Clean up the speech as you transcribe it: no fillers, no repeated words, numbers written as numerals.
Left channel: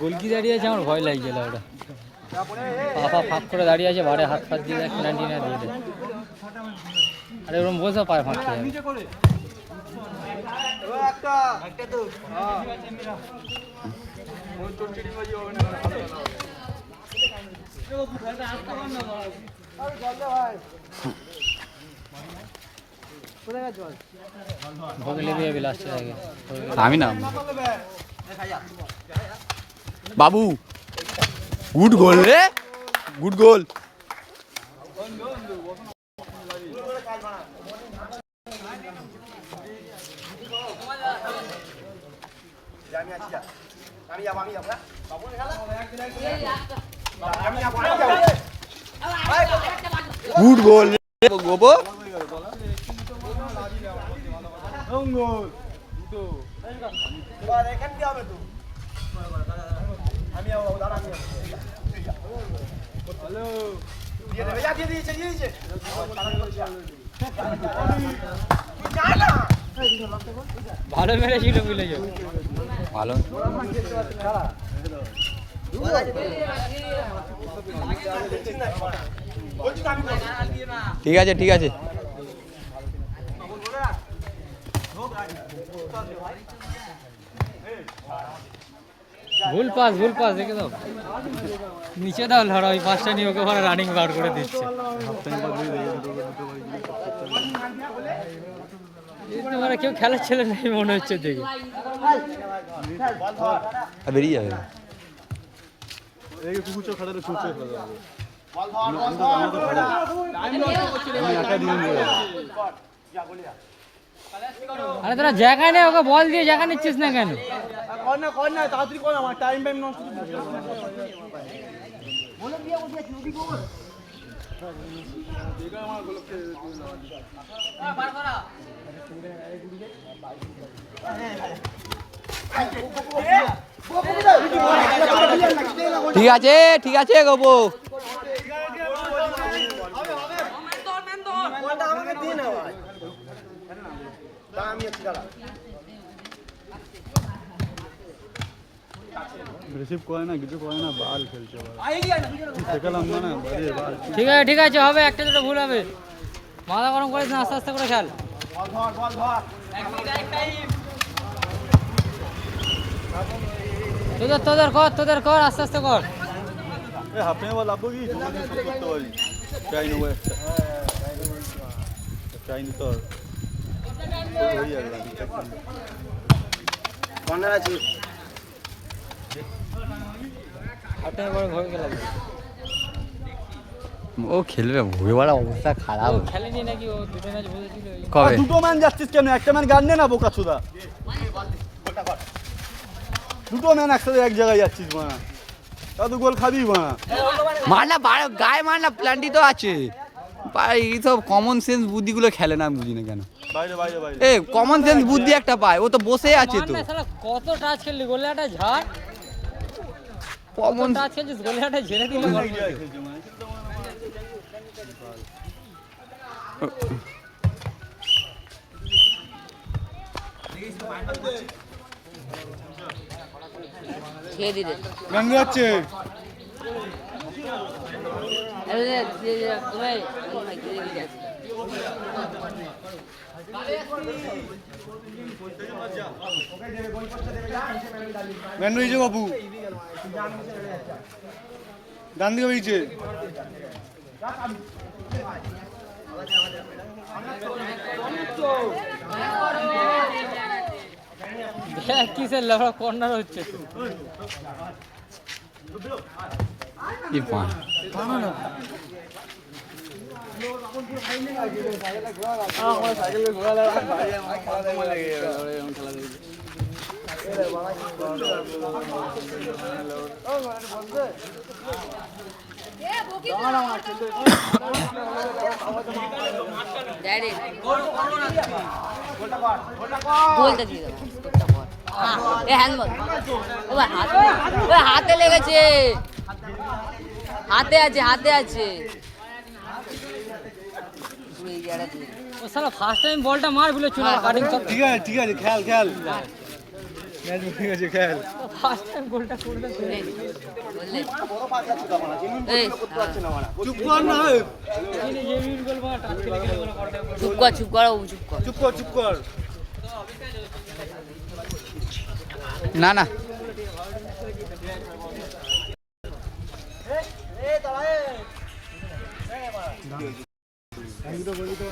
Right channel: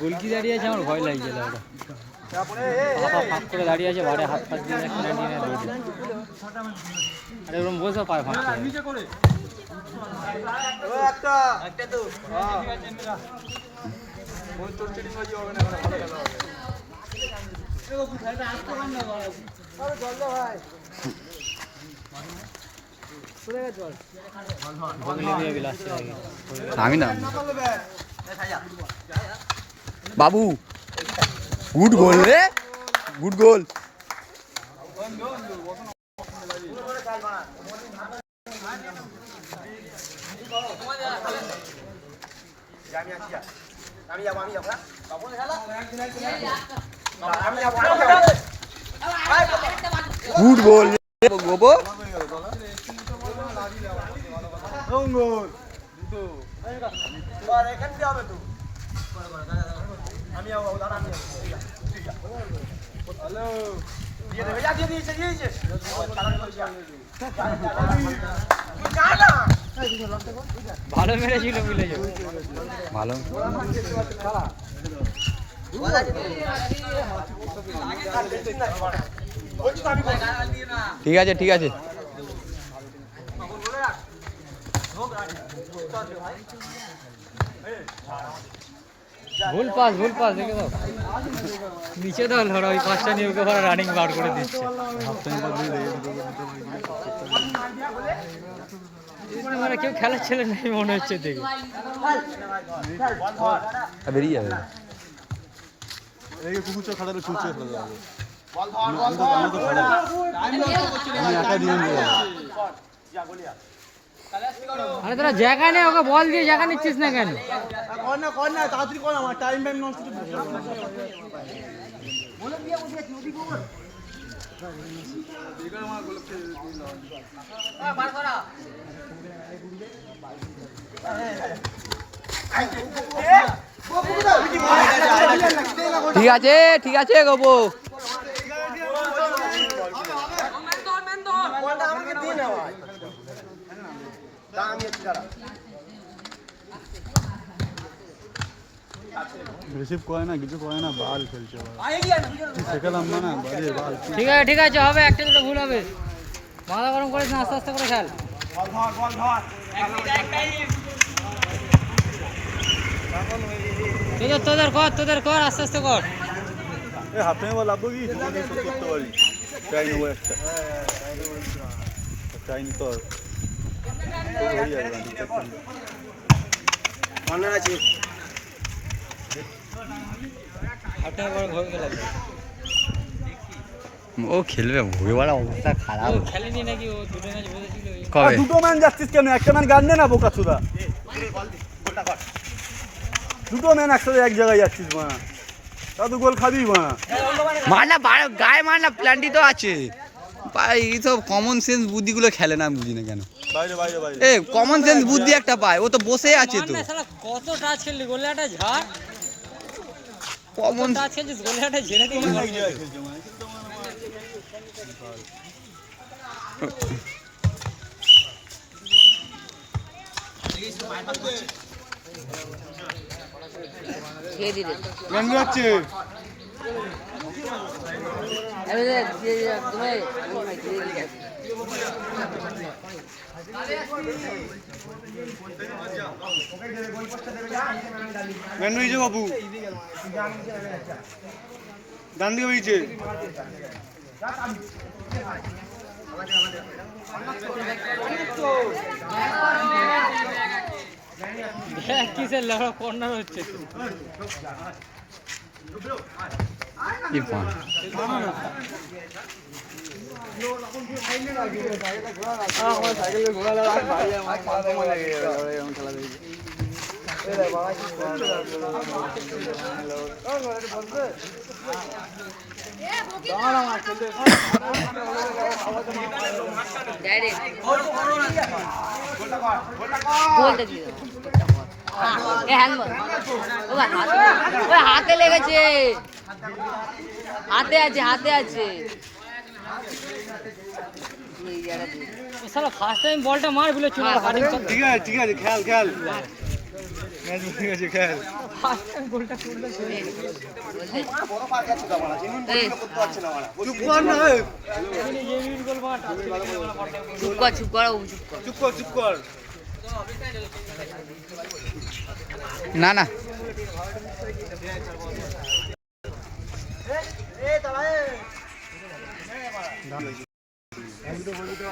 গোলকি দাঁড়িয়ে আছে, আমার ভয় লাগছে ওটা ফাঁক করে দাঁড়িয়ে আছে, বারে হাত ফাত দিয়ে পেনাল্টি না দৌড়ে। আরে ওরকম বসে পায় ফাঁক করে। আমি না বাবু, গুড গোল রে, গুড গোল। গুড গোল গোবো। ভালো মেরেছিল বুঝলে, ভালো। ঠিক আছে ঠিক আছে। ভুল পাস দেখে দাও, নিচে দাও ধরো, ওই পাঁচটা নিয়ে ওকে রানিং বার করে দিচ্ছে। মানে কেউ খেলার ছেলে নেই মনে হচ্ছে দেখে, বেরিয়ে যাবে। আরে তোরা জায়গায় নেই, ওকে বল দিয়ে জায়গা নিচ্ছিস না কেন? ঠিক আছে ঠিক আছে গোবো। ঠিক আছে হবে, একটা দুটো ভুল হবে, মাথা গরম করিস না, আস্তে আস্তে করে খেল। তোদের কর আস্তে আস্তে কর। ও খেলবে, ভুয়ে বলা অবস্থা খারাপ। খেলেনি নাকি ও? দুটো ম্যাচ বুঝেছিল। কবে? দুটো ম্যান যাচ্ছিস কেন? একটা ম্যান গান নে না বোকা চোদা। দুটো ম্যান একসাথে এক জায়গায় যাচ্ছিস মানা, তাও গোল খাবি মানা। মারনা গায়ে মারনা, প্ল্যানটি তো আছে। এই সব কমন সেন্স বুদ্ধিগুলো খেলে না, আমি বুঝি না কেন। এ কমন সেন্স বুদ্ধি একটা পায়, ও তো বসে আছে তো। কত টাচ খেললি, গোলাটা ঝাড় কমন টাচ খেলছিস, গোলাটা ঝেড়ে দিলি। খেয়ে দিলে গন্ধ হচ্ছে। বাবু ডান দিকে হয়েছে। কিসের লড়া কর্নার হচ্ছে? হাতে লেগেছে, হাতে আছে, হাতে আছে। সালা ফার্স্ট টাইম বলটা মার বলে চলে কাটিং সব ঠিক আছে খেল খেল ম্যাচ ঠিক আছে খেল ফার্স্ট টাইম বলটা করলে চলে বড় পাক আছে তো মারা জিনুন করতে পারছে না মারা চুপ কর না এই যে মিড গোল মার টাচ লেগে গেল বলটা চুপ কর চুপ কর চুপ কর না না আমি তো বলি তো